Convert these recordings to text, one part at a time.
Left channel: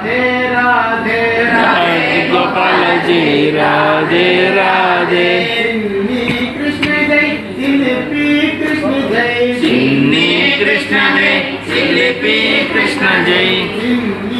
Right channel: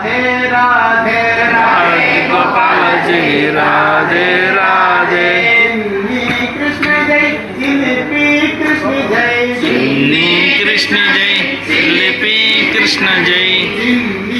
राधे राधे गोपाल जी राधे राधे चिन्नी कृष्ण जय जिलेबी कृष्ण जय चिन्नी कृष्ण जय जिलेबी कृष्ण जय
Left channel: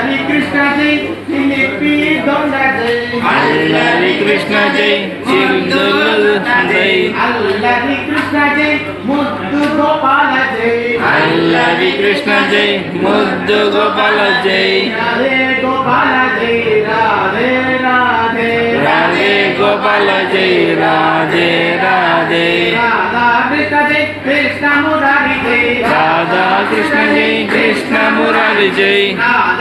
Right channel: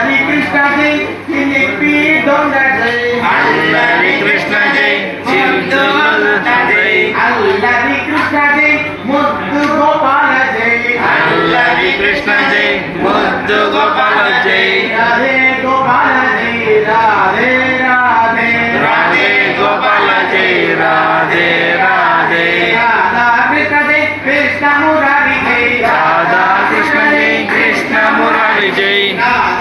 गोपाल जय वेणु जय विजय गोपाल जय वेणु विलोल जय विजय गोपाल जय वेणु जय विजय गोपाल जय राधे गोपाल जय राधे राधे राधे गोपाल जय राधे राधे अल्लाह कृष्ण जय मुद्दु गोपाल जय अल्लारी कृष्ण जय मुद्दु गोपाल जय अल्लाह कृष्ण जय जिलेबी दौड़ जय अल्लारी कृष्ण जय सिंधु जय अल्लाह कृष्ण जय मुद्दु गोपाल जय अल्लारी कृष्ण जय मुद्दु गोपाल जय राधे गोपाल जय राधे राधे राधे गोपाल जय राधे राधे राधा कृष्ण जय कृष्ण मुरारी जय राधा कृष्ण जय कृष्ण मुरारी जय राधा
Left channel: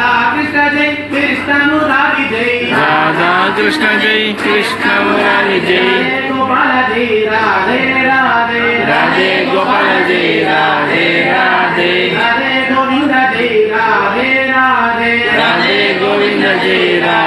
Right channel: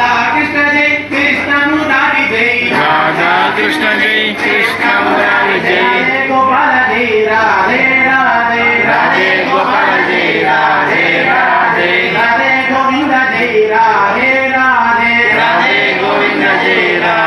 कृष्ण जय, कृष्ण मुरारी जय। गोपाल जय राधे राधे राधे गोपाल जय, राधे राधे। राधे गोविंद जय, राधे राधे। राधे गोविंद जय, राधे।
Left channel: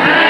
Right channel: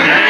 Amen.